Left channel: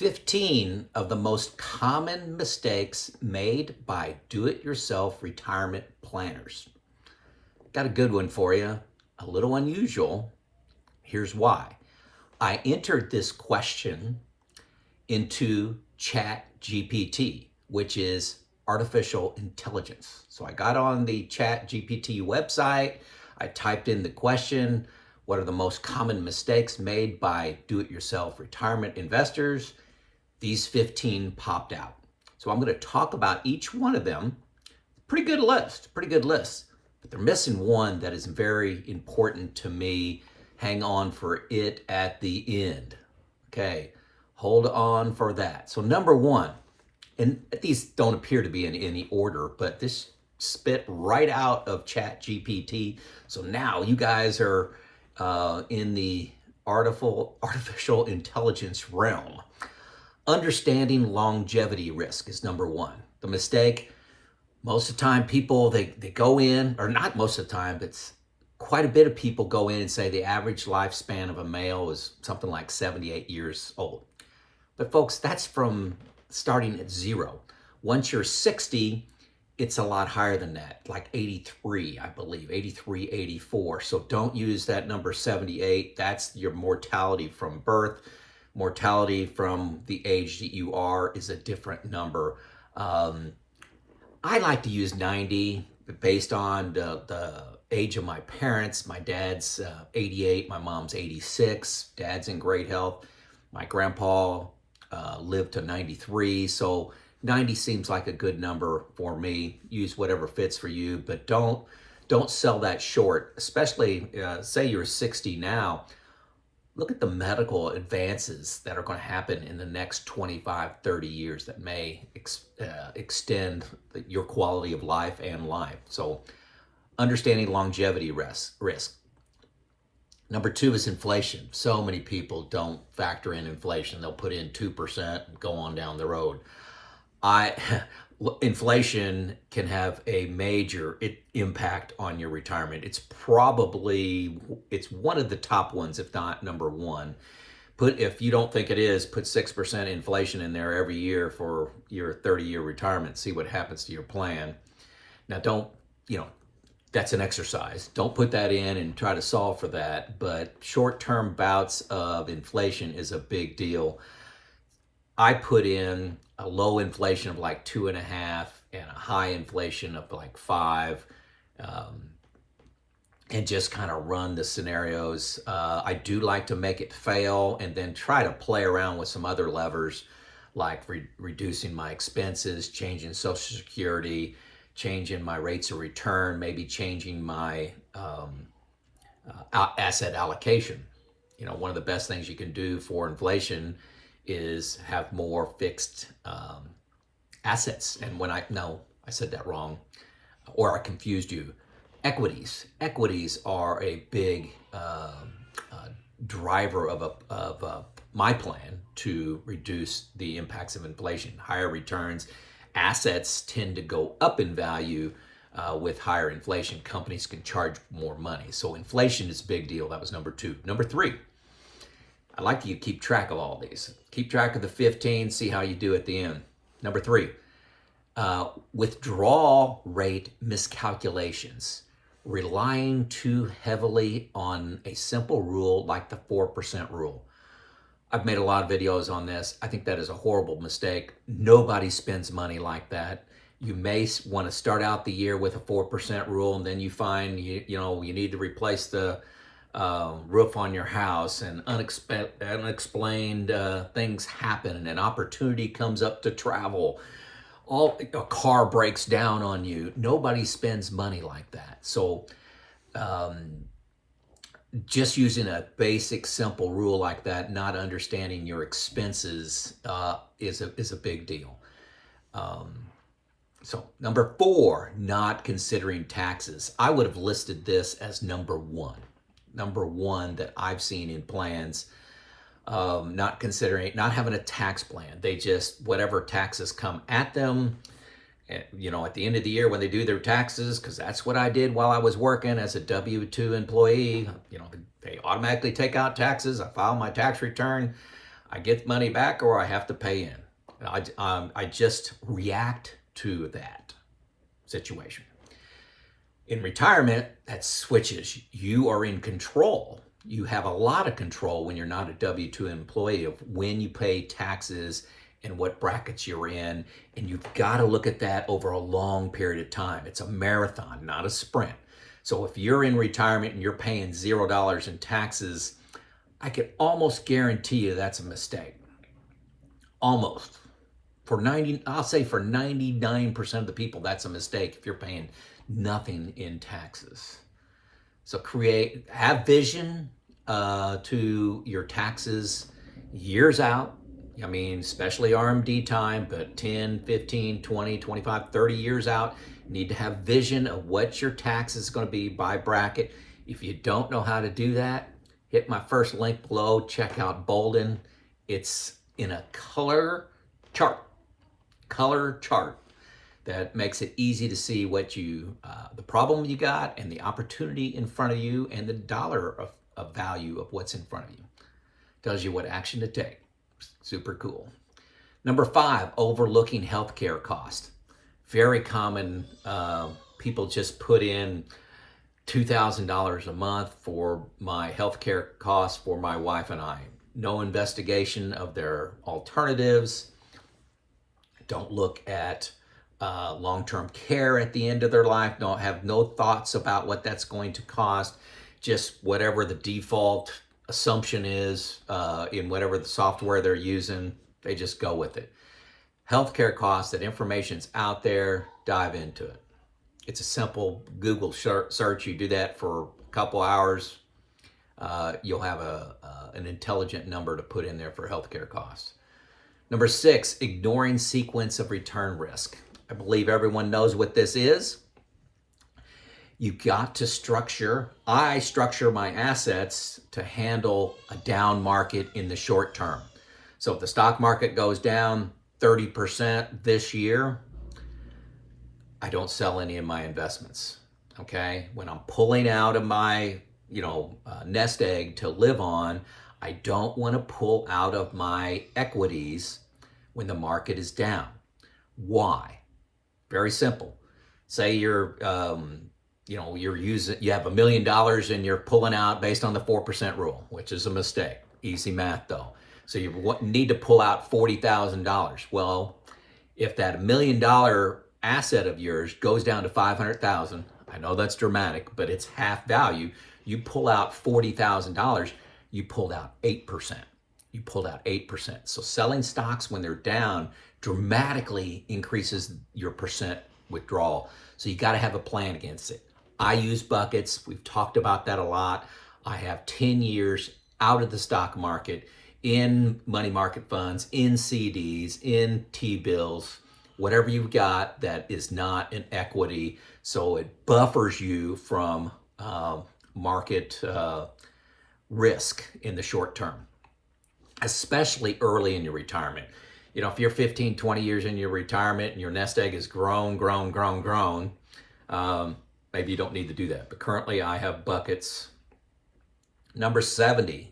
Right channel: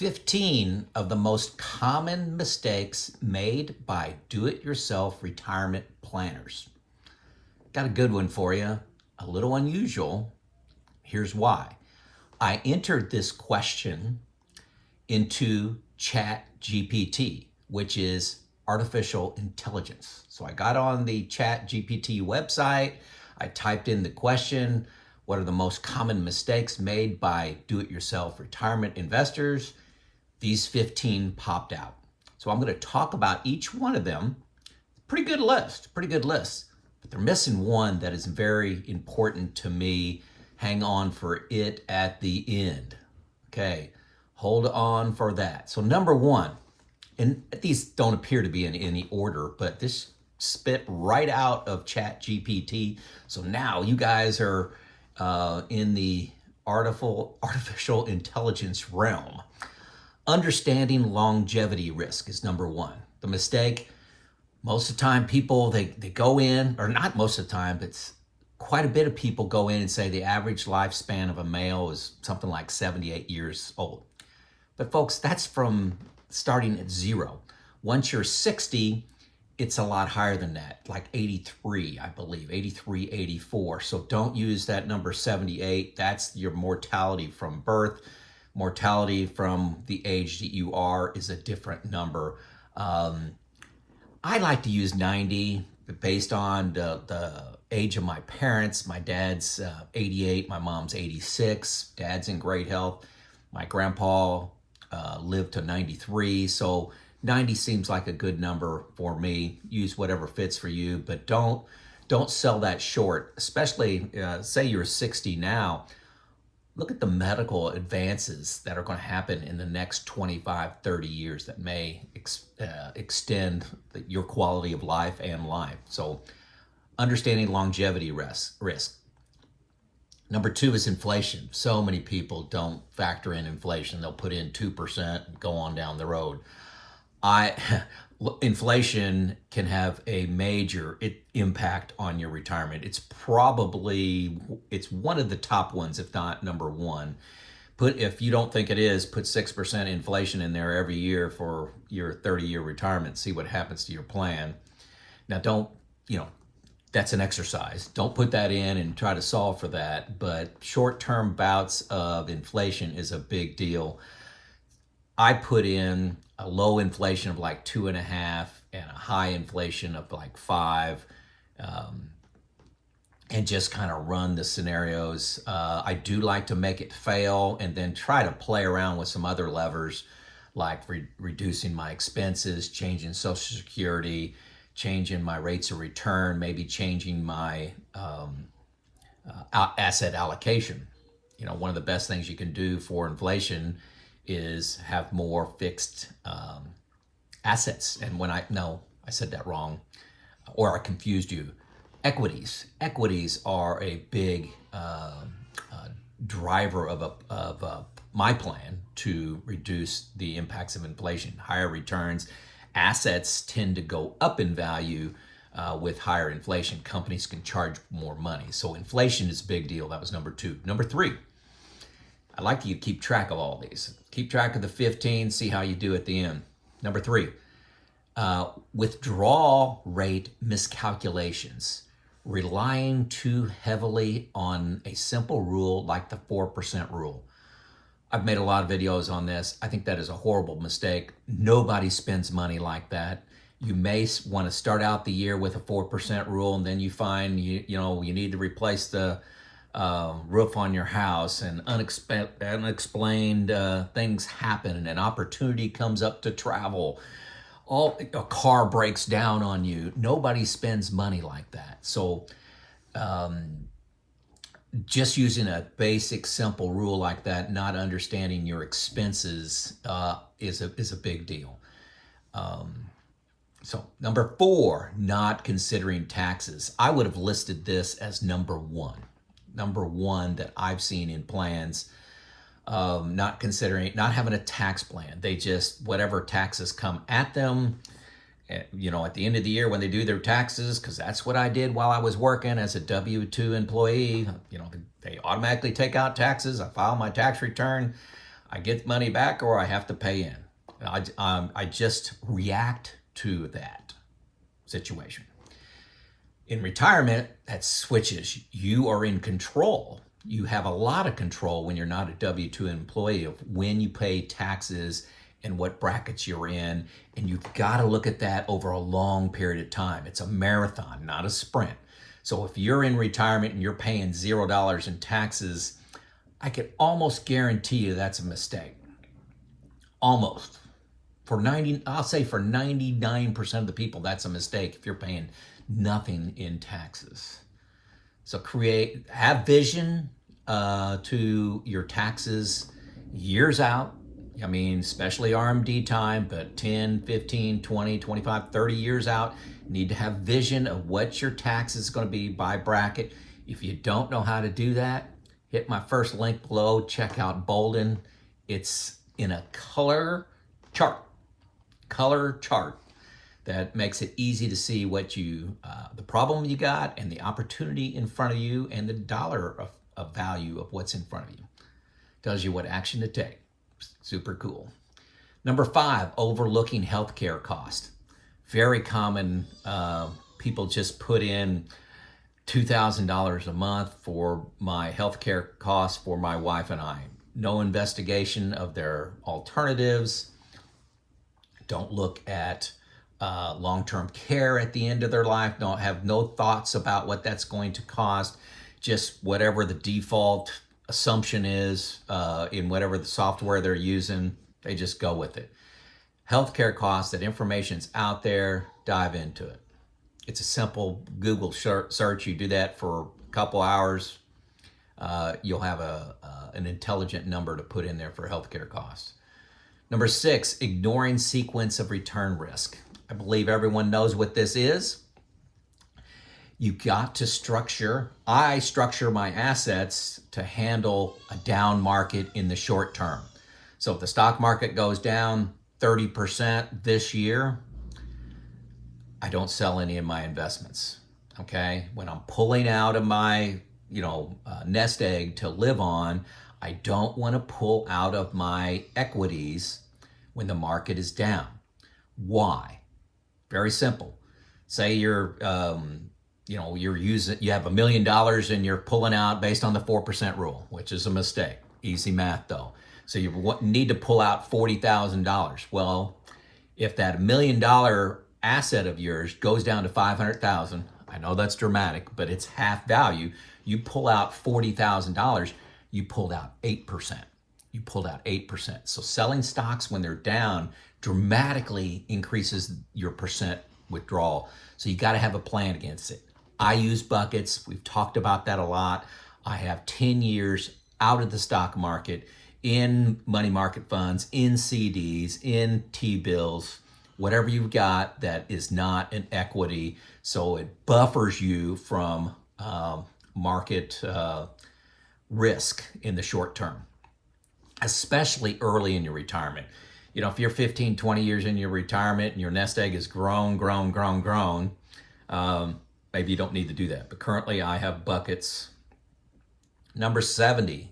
15 of the most common mistakes made by do-it-yourself retirement planners. Got a good one for you, a little unusual. Here's why. I entered this question into ChatGPT, which is artificial intelligence. So I got on the ChatGPT website, I typed in the question, what are the most common mistakes made by do-it-yourself retirement investors? These 15 popped out. So I'm going to talk about each one of them. Pretty good list. But they're missing one that is very important to me. Hang on for it at the end. Okay, hold on for that. So number one, and these don't appear to be in any order, but this spit right out of ChatGPT. So now you guys are in the artificial intelligence realm. Understanding longevity risk is number one. The mistake, most of the time people, they go in, or not most of the time, but quite a bit of people go in and say the average lifespan of a male is something like 78 years old. But folks, that's from starting at zero. Once you're 60, it's a lot higher than that, like 83, I believe, 83, 84. So don't use that number 78. That's your mortality from birth. Mortality from the age that you are is a different number. I like to use 90 based on the age of my parents. My dad's 88, my mom's 86. Dad's in great health. My grandpa lived to 93, so 90 seems like a good number for me. Use whatever fits for you, but don't sell that short, especially say you're 60 now. Look at the medical advances that are going to happen in the next 25, 30 years that may extend your quality of life and life. So understanding longevity risk. Number two is inflation. So many people don't factor in inflation. They'll put in 2% and go on down the road. Inflation can have a major impact on your retirement. It's one of the top ones, if not number one. If you don't think it is, put 6% inflation in there every year for your 30-year retirement. See what happens to your plan. Now, that's an exercise. Don't put that in and try to solve for that. But short-term bouts of inflation is a big deal. I put in a low inflation of like 2.5 and a high inflation of like 5, and just kind of run the scenarios. I do like to make it fail and then try to play around with some other levers, like reducing my expenses, changing Social Security, changing my rates of return, maybe changing my asset allocation. One of the best things you can do for inflation is have more fixed assets. And I said that wrong, or I confused you. Equities are a big driver of my plan to reduce the impacts of inflation. Higher returns, assets tend to go up in value with higher inflation. Companies can charge more money. So inflation is a big deal. That was number two. Number three, I'd like you to keep track of all these. Keep track of the 15, see how you do at the end. Number three, withdrawal rate miscalculations. Relying too heavily on a simple rule like the 4% rule. I've made a lot of videos on this. I think that is a horrible mistake. Nobody spends money like that. You may want to start out the year with a 4% rule, and then you find you need to replace the roof on your house, and unexplained things happen, and an opportunity comes up to travel. A car breaks down on you. Nobody spends money like that. So just using a basic, simple rule like that, not understanding your expenses is a big deal. So number four, not considering taxes. I would have listed this as number one that I've seen in plans. Not having a tax plan. They just, whatever taxes come at them, at the end of the year when they do their taxes, because that's what I did while I was working as a W-2 employee, they automatically take out taxes. I file my tax return. I get money back or I have to pay in. I just react to that situation. In retirement, that switches. You are in control. You have a lot of control when you're not a W-2 employee of when you pay taxes and what brackets you're in. And you've got to look at that over a long period of time. It's a marathon, not a sprint. So if you're in retirement and you're paying $0 in taxes, I can almost guarantee you that's a mistake. Almost. I'll say for 99% of the people, that's a mistake if you're paying nothing in taxes. So have vision to your taxes years out. I mean, especially RMD time, but 10, 15, 20, 25, 30 years out, you need to have vision of what your tax is going to be by bracket. If you don't know how to do that, hit my first link below, check out Bolden. It's in a color chart that makes it easy to see what the problem you got and the opportunity in front of you and the dollar of value of what's in front of you. Tells you what action to take. Super cool. Number 5, overlooking healthcare cost. Very common. People just put in $2,000 a month for my healthcare costs for my wife and I. No investigation of their alternatives. Don't look at long-term care at the end of their life. Don't have no thoughts about what that's going to cost. Just whatever the default assumption is in whatever the software they're using, they just go with it. Healthcare costs, that information's out there, dive into it. It's a simple Google search. You do that for a couple hours, you'll have an intelligent number to put in there for healthcare costs. Number 6, ignoring sequence of return risk. I believe everyone knows what this is. You got to I structure my assets to handle a down market in the short term. So if the stock market goes down 30% this year, I don't sell any of my investments, okay? When I'm pulling out of my, nest egg to live on, I don't want to pull out of my equities when the market is down. Why? Very simple. Say you have $1 million and you're pulling out based on the 4% rule, which is a mistake. Easy math though. So you need to pull out $40,000. Well, if that $1 million asset of yours goes down to 500,000, I know that's dramatic, but it's half value. You pull out $40,000, you pulled out 8%. You pulled out 8%. So selling stocks when they're down dramatically increases your percent withdrawal. So you got to have a plan against it. I use buckets. We've talked about that a lot. I have 10 years out of the stock market in money market funds, in CDs, in T-bills, whatever you've got that is not an equity. So it buffers you from market risk in the short term, especially early in your retirement. If you're 15, 20 years in your retirement and your nest egg is grown, maybe you don't need to do that. But currently I have buckets. Number 7,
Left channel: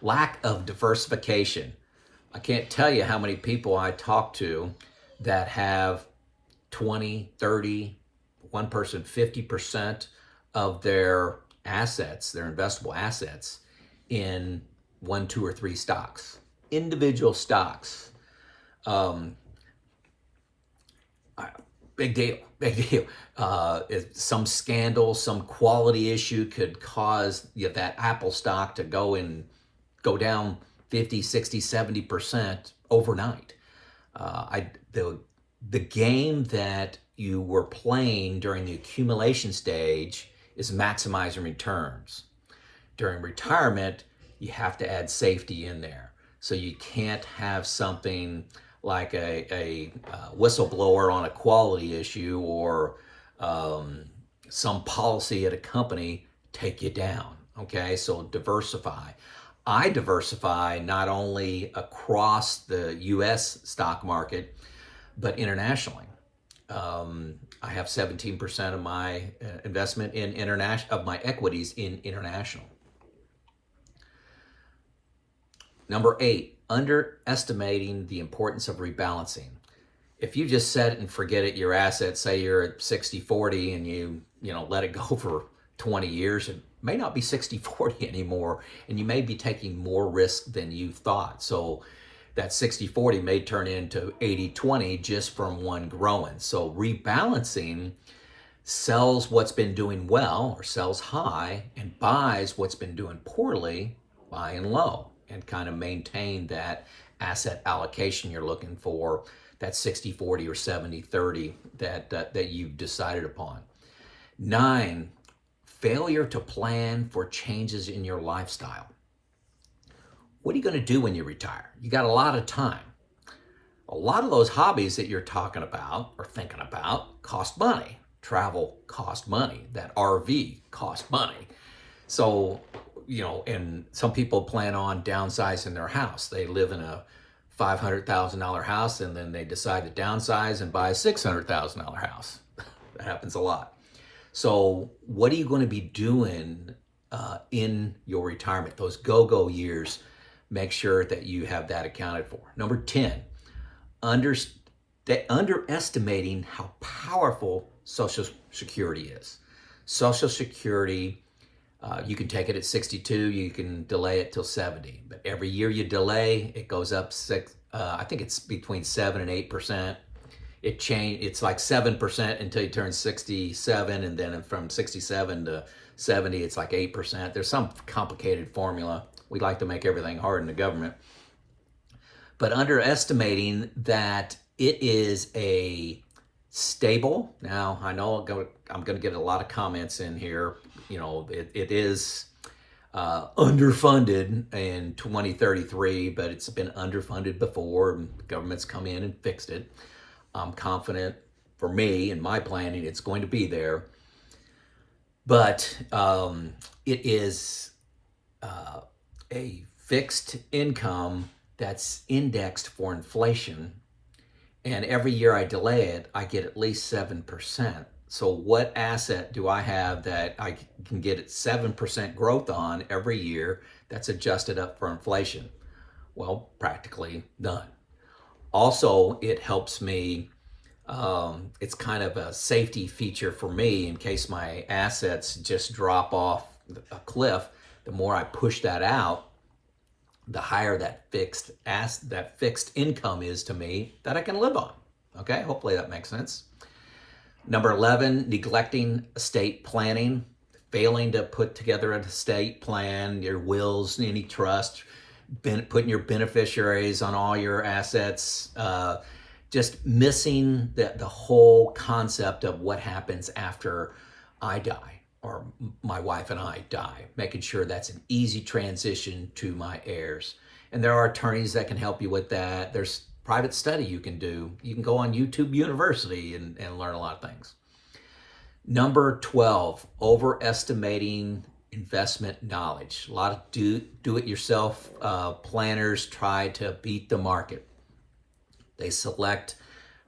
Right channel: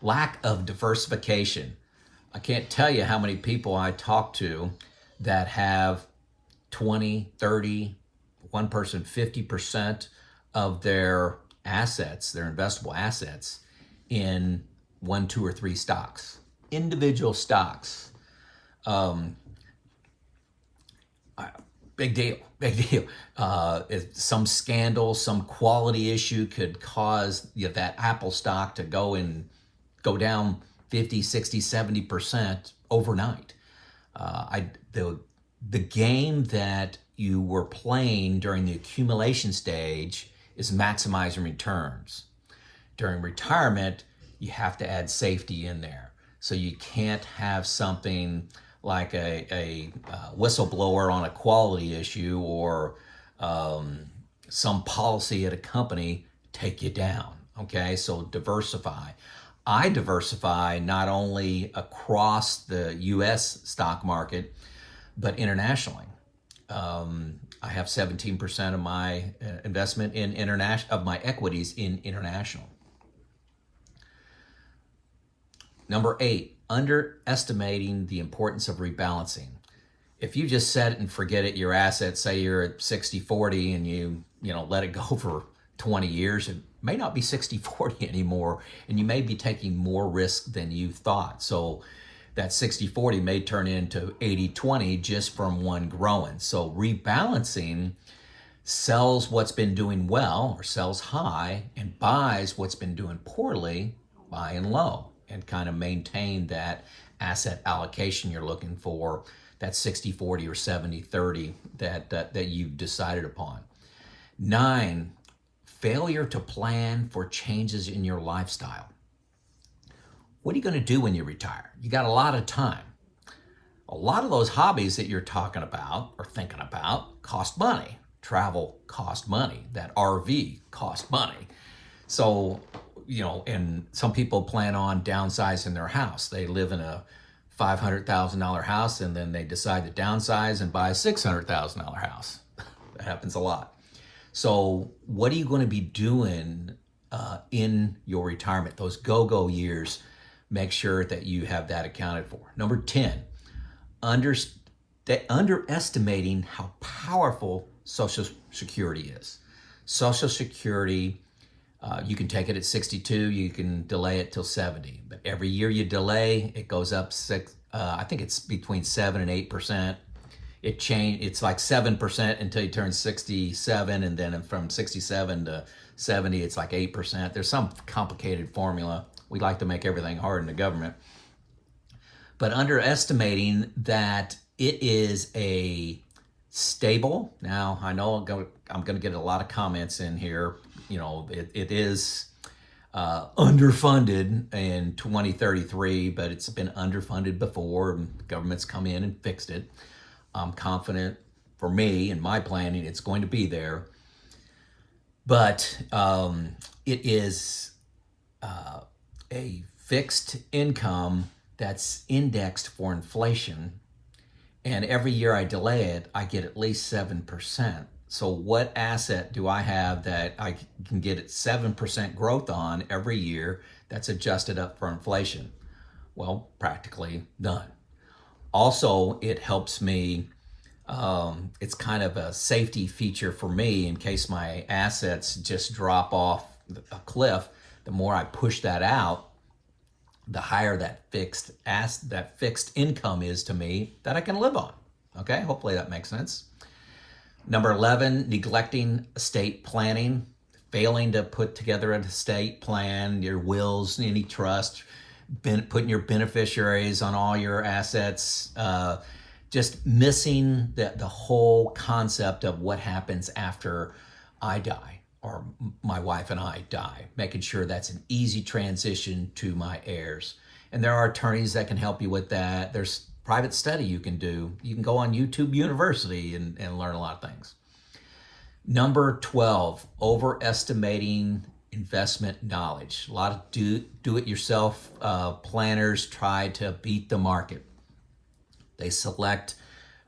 lack of diversification. I can't tell you how many people I talk to that have 20, 30, one person 50% of their assets, their investable assets, in 1, 2, or 3 stocks, individual stocks. Big deal. Some scandal, some quality issue could cause that Apple stock to go down 50, 60, 70% overnight. The game that you were playing during the accumulation stage is maximizing returns. During retirement, you have to add safety in there. So you can't have something like a whistleblower on a quality issue or some policy at a company take you down, okay? So diversify. I diversify not only across the U.S. stock market, but internationally. I have 17% of my investment in my equities in international. Number 8, underestimating the importance of rebalancing. If you just set it and forget it, your assets, say you're at 60-40 and you let it go for 20 years, it may not be 60-40 anymore, and you may be taking more risk than you thought. So that 60-40 may turn into 80-20 just from one growing. So rebalancing sells what's been doing well or sells high and buys what's been doing poorly, buying low, and kind of maintain that asset allocation you're looking for, that 60-40 or 70-30 that you've decided upon. 9, failure to plan for changes in your lifestyle. What are you going to do when you retire? You got a lot of time. A lot of those hobbies that you're talking about or thinking about cost money. Travel cost money. That RV cost money. So, and some people plan on downsizing their house. They live in a $500,000 house and then they decide to downsize and buy a $600,000 house. That happens a lot. So what are you going to be doing in your retirement, those go-go years? Make sure that you have that accounted for. Number 10, underestimating how powerful Social Security is. Social Security, you can take it at 62, you can delay it till 70, but every year you delay, it goes up I think it's between 7 and 8%. It's like 7% until you turn 67, and then from 67 to 70, it's like 8%. There's some complicated formula. We like to make everything hard in the government. But underestimating that it is a stable, now I know I'm going to get a lot of comments in here. It is underfunded in 2033, but it's been underfunded before, and the government's come in and fixed it. I'm confident, for me and my planning, it's going to be there. But it is a fixed income that's indexed for inflation. And every year I delay it, I get at least 7%. So what asset do I have that I can get at 7% growth on every year that's adjusted up for inflation? Well, practically none. Also, it helps me, it's kind of a safety feature for me in case my assets just drop off a cliff. The more I push that out, the higher that fixed income is to me that I can live on. Okay, hopefully that makes sense. Number 11, neglecting estate planning, failing to put together an estate plan, your wills, any trust, putting your beneficiaries on all your assets, just missing the whole concept of what happens after I die or my wife and I die, making sure that's an easy transition to my heirs. And there are attorneys that can help you with that. There's private study you can do. You can go on YouTube University and learn a lot of things. Number 12, overestimating investment knowledge. A lot of do-it-yourself planners try to beat the market. They select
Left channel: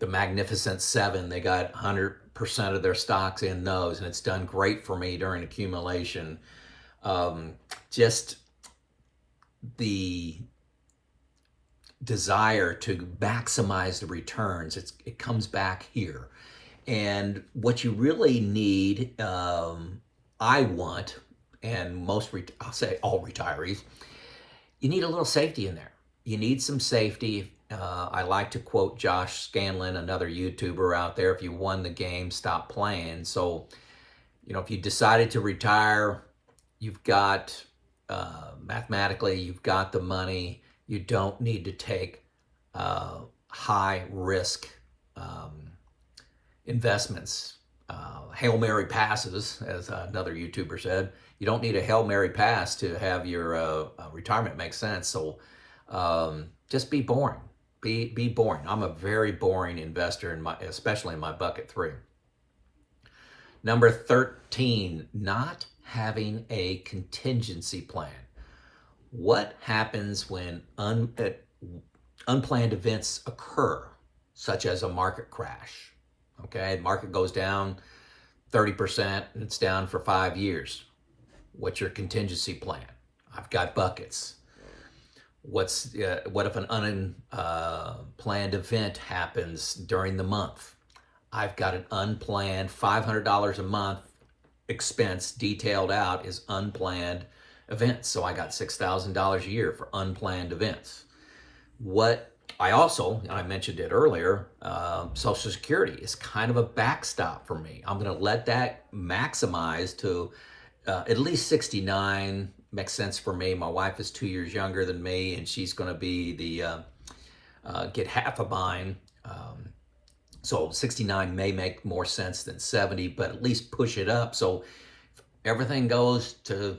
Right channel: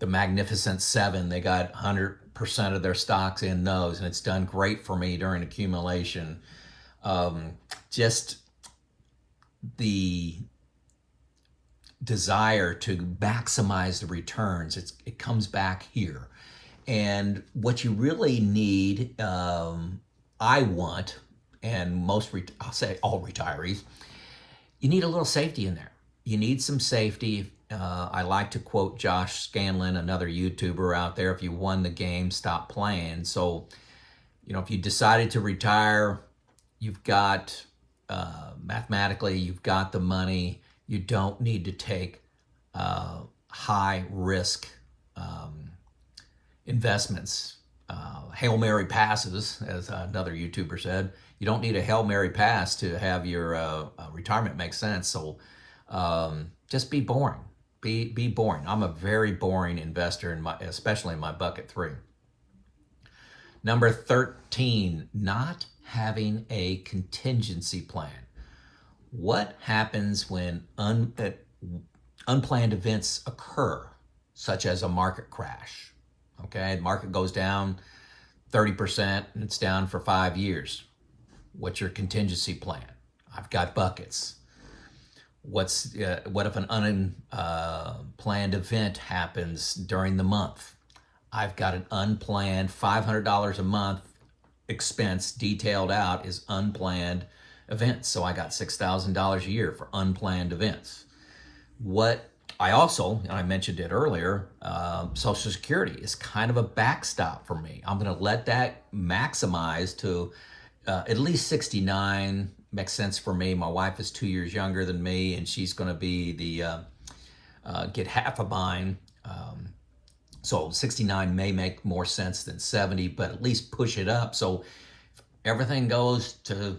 the Magnificent Seven. They got 100% of their stocks in those, and it's done great for me during accumulation. Just the desire to maximize the returns, it comes back here. And what you really need, I want, and I'll say all retirees, you need a little safety in there. You need some safety. I like to quote Josh Scanlon, another YouTuber out there, if you won the game, stop playing. So, if you decided to retire, you've got, mathematically, you've got the money. You don't need to take high risk investments. Hail Mary passes, as another YouTuber said. You don't need a Hail Mary pass to have your retirement make sense. So just be boring. Be boring. I'm a very boring investor, especially in my bucket 3. Number 13, not having a contingency plan. What happens when unplanned events occur, such as a market crash? Okay, the market goes down 30% and it's down for 5 years. What's your contingency plan? I've got buckets. What if an unplanned event happens during the month? I've got an unplanned $500 a month expense detailed out as unplanned events. So I got $6,000 a year for unplanned events. What I also, and I mentioned it earlier, Social Security is kind of a backstop for me. I'm going to let that maximize to at least 69. Makes sense for me. My wife is 2 years younger than me, and she's going to be the get half of mine. So 69 may make more sense than 70, but at least push it up. So if everything goes to,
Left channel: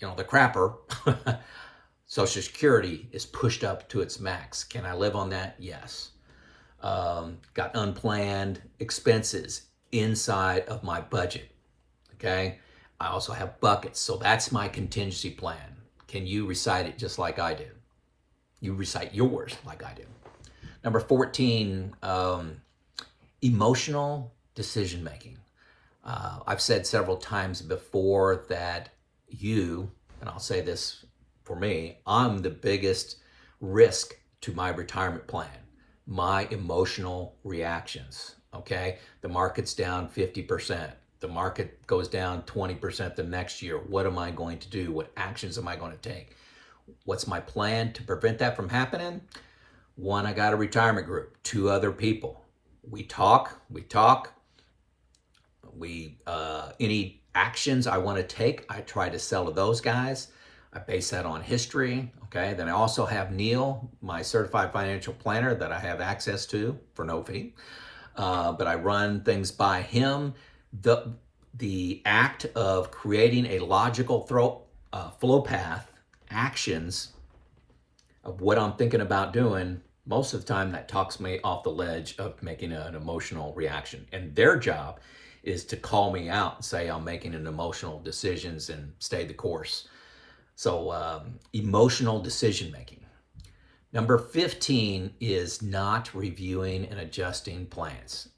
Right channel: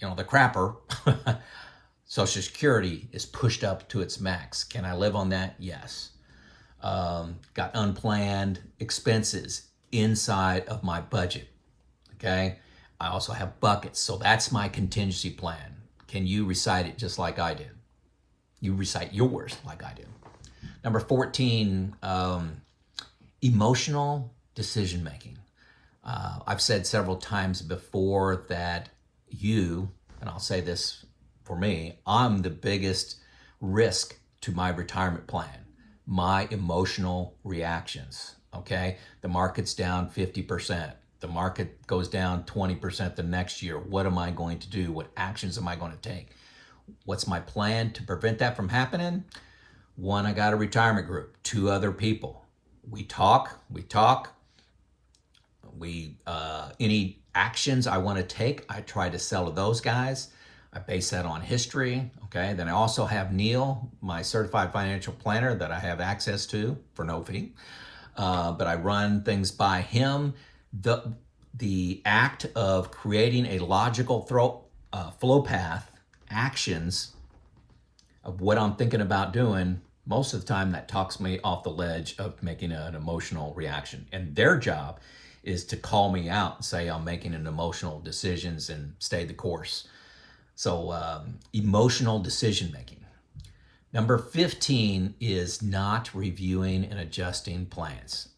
the crapper, Social Security is pushed up to its max. Can I live on that? Yes. Got unplanned expenses inside of my budget. Okay. I also have buckets. So that's my contingency plan. Can you recite it just like I did? You recite yours like I did. Number 14, emotional decision making. I've said several times before that and I'll say this for me, I'm the biggest risk to my retirement plan, my emotional reactions. Okay. The market's down 50%. The market goes down 20% the next year. What am I going to do? What actions am I going to take? What's my plan to prevent that from happening? One, I got a retirement group. 2 other people. We talk. Any actions I want to take, I try to sell to those guys. I base that on history. Okay. Then I also have Neil, my certified financial planner that I have access to for no fee. But I run things by him. The act of creating a logical flow path, actions of what I'm thinking about doing, most of the time that talks me off the ledge of making an emotional reaction. And their job is to call me out and say I'm making an emotional decisions and stay the course. So emotional decision making. Number 15 is not reviewing and adjusting plans.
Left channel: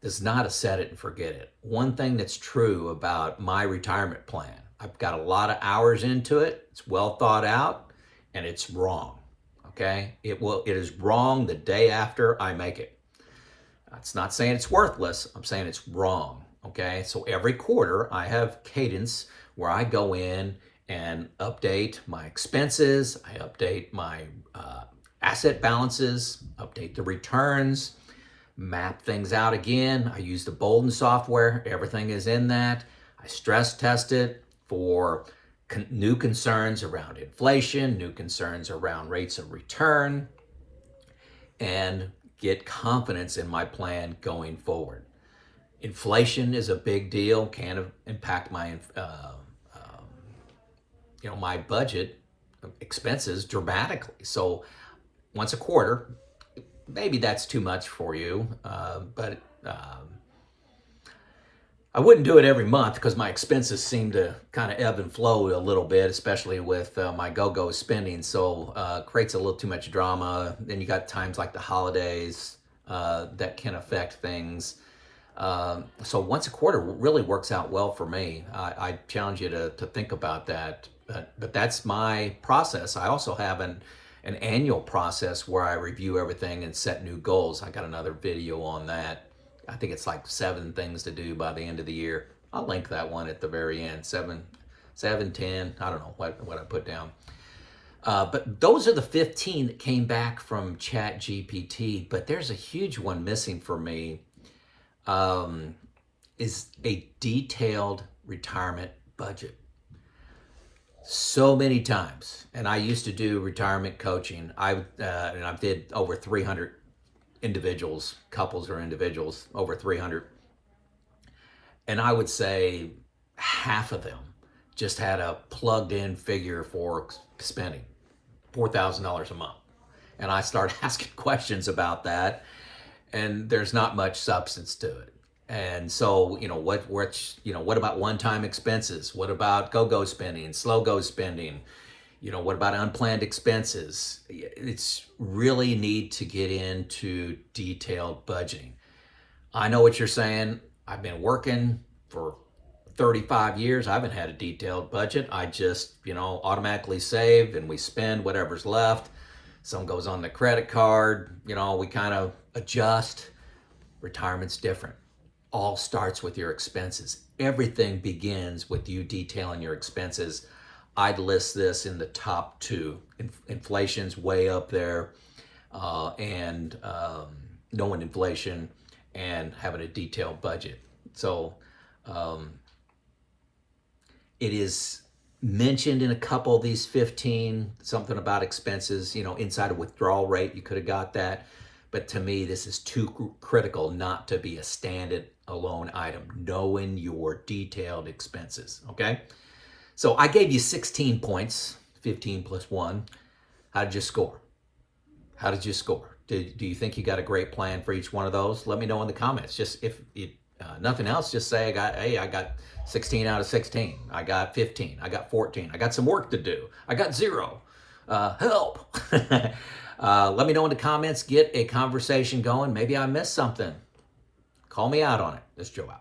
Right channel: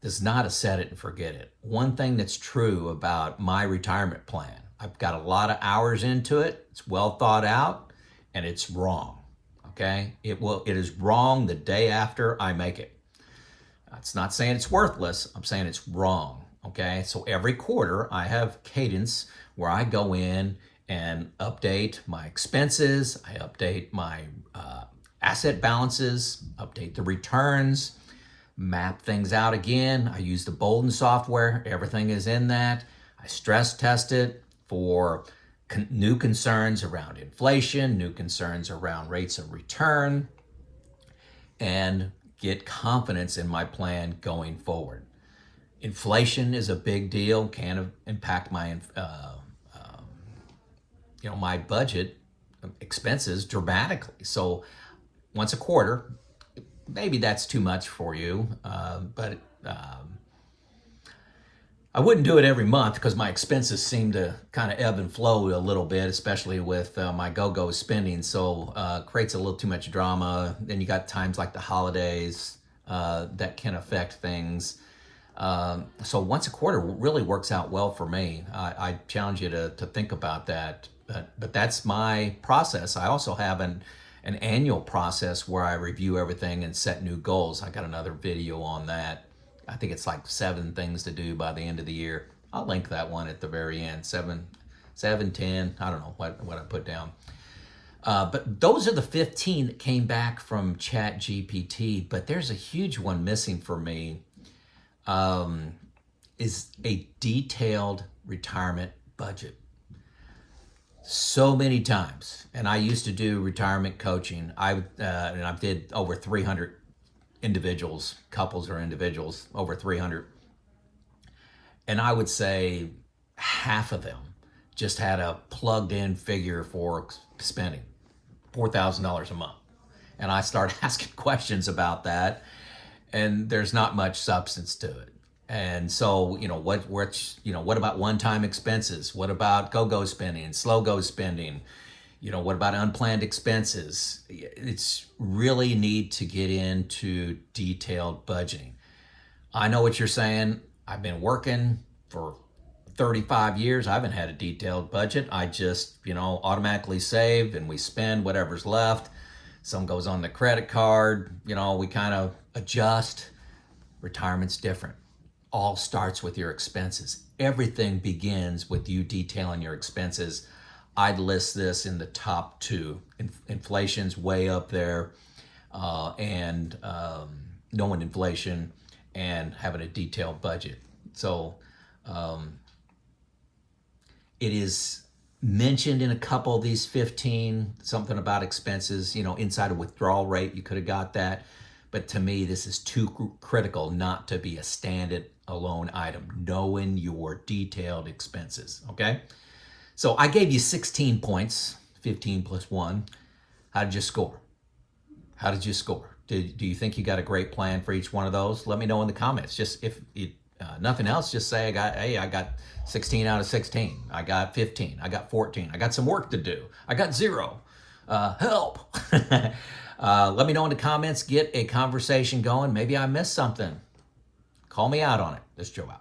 This is not a set it and forget it. One thing that's true about my retirement plan, I've got a lot of hours into it. It's well thought out, and it's wrong. Okay? It is wrong the day after I make it. It's not saying it's worthless. I'm saying it's wrong. Okay? So every quarter I have cadence where I go in and update my expenses. I update my asset balances, update the returns, map things out again. I use the Bolden software. Everything is in that. I stress test it for new concerns around inflation, new concerns around rates of return, and get confidence in my plan going forward. Inflation is a big deal, can impact my my budget expenses dramatically. So once a quarter, maybe that's too much for you, but I wouldn't do it every month because my expenses seem to kind of ebb and flow a little bit, especially with my go-go spending. So creates a little too much drama. Then you got times like the holidays that can affect things. So once a quarter really works out well for me. I challenge you to think about that. But that's my process. I also have an annual process where I review everything and set new goals. I got another video on that. I think it's like 7 things to do by the end of the year. I'll link that one at the very end. 7, 10. I don't know what I put down. But those are the 15 that came back from ChatGPT. But there's a huge one missing for me. Is a detailed retirement budget. So many times, and I used to do retirement coaching. And I did over 300 individuals, couples or individuals, over 300. And I would say half of them just had a plugged in figure for spending $4,000 a month. And I started asking questions about that, and there's not much substance to it. And so, what about one-time expenses? What about go-go spending, slow-go spending? What about unplanned expenses? It's really need to get into detailed budgeting. I know what you're saying. I've been working for 35 years, I haven't had a detailed budget. I just, automatically save and we spend whatever's left. Some goes on the credit card, we kind of adjust. Retirement's different. All starts with your expenses. Everything begins with you detailing your expenses. I'd list this in the top two. Inflation's way up there, and knowing inflation and having a detailed budget. So it is mentioned in a couple of these 15, something about expenses, inside a withdrawal rate, you could have got that. But to me, this is too critical not to be a stand-alone item, knowing your detailed expenses, okay? So I gave you 16 points, 15 plus 1. How did you score? How did you score? Do you think you got a great plan for each one of those? Let me know in the comments. Just if nothing else, just say I got 16 out of 16. I got 15. I got 14. I got some work to do. I got 0. Help. Let me know in the comments. Get a conversation going. Maybe I missed something. Call me out on it. This is Joe out.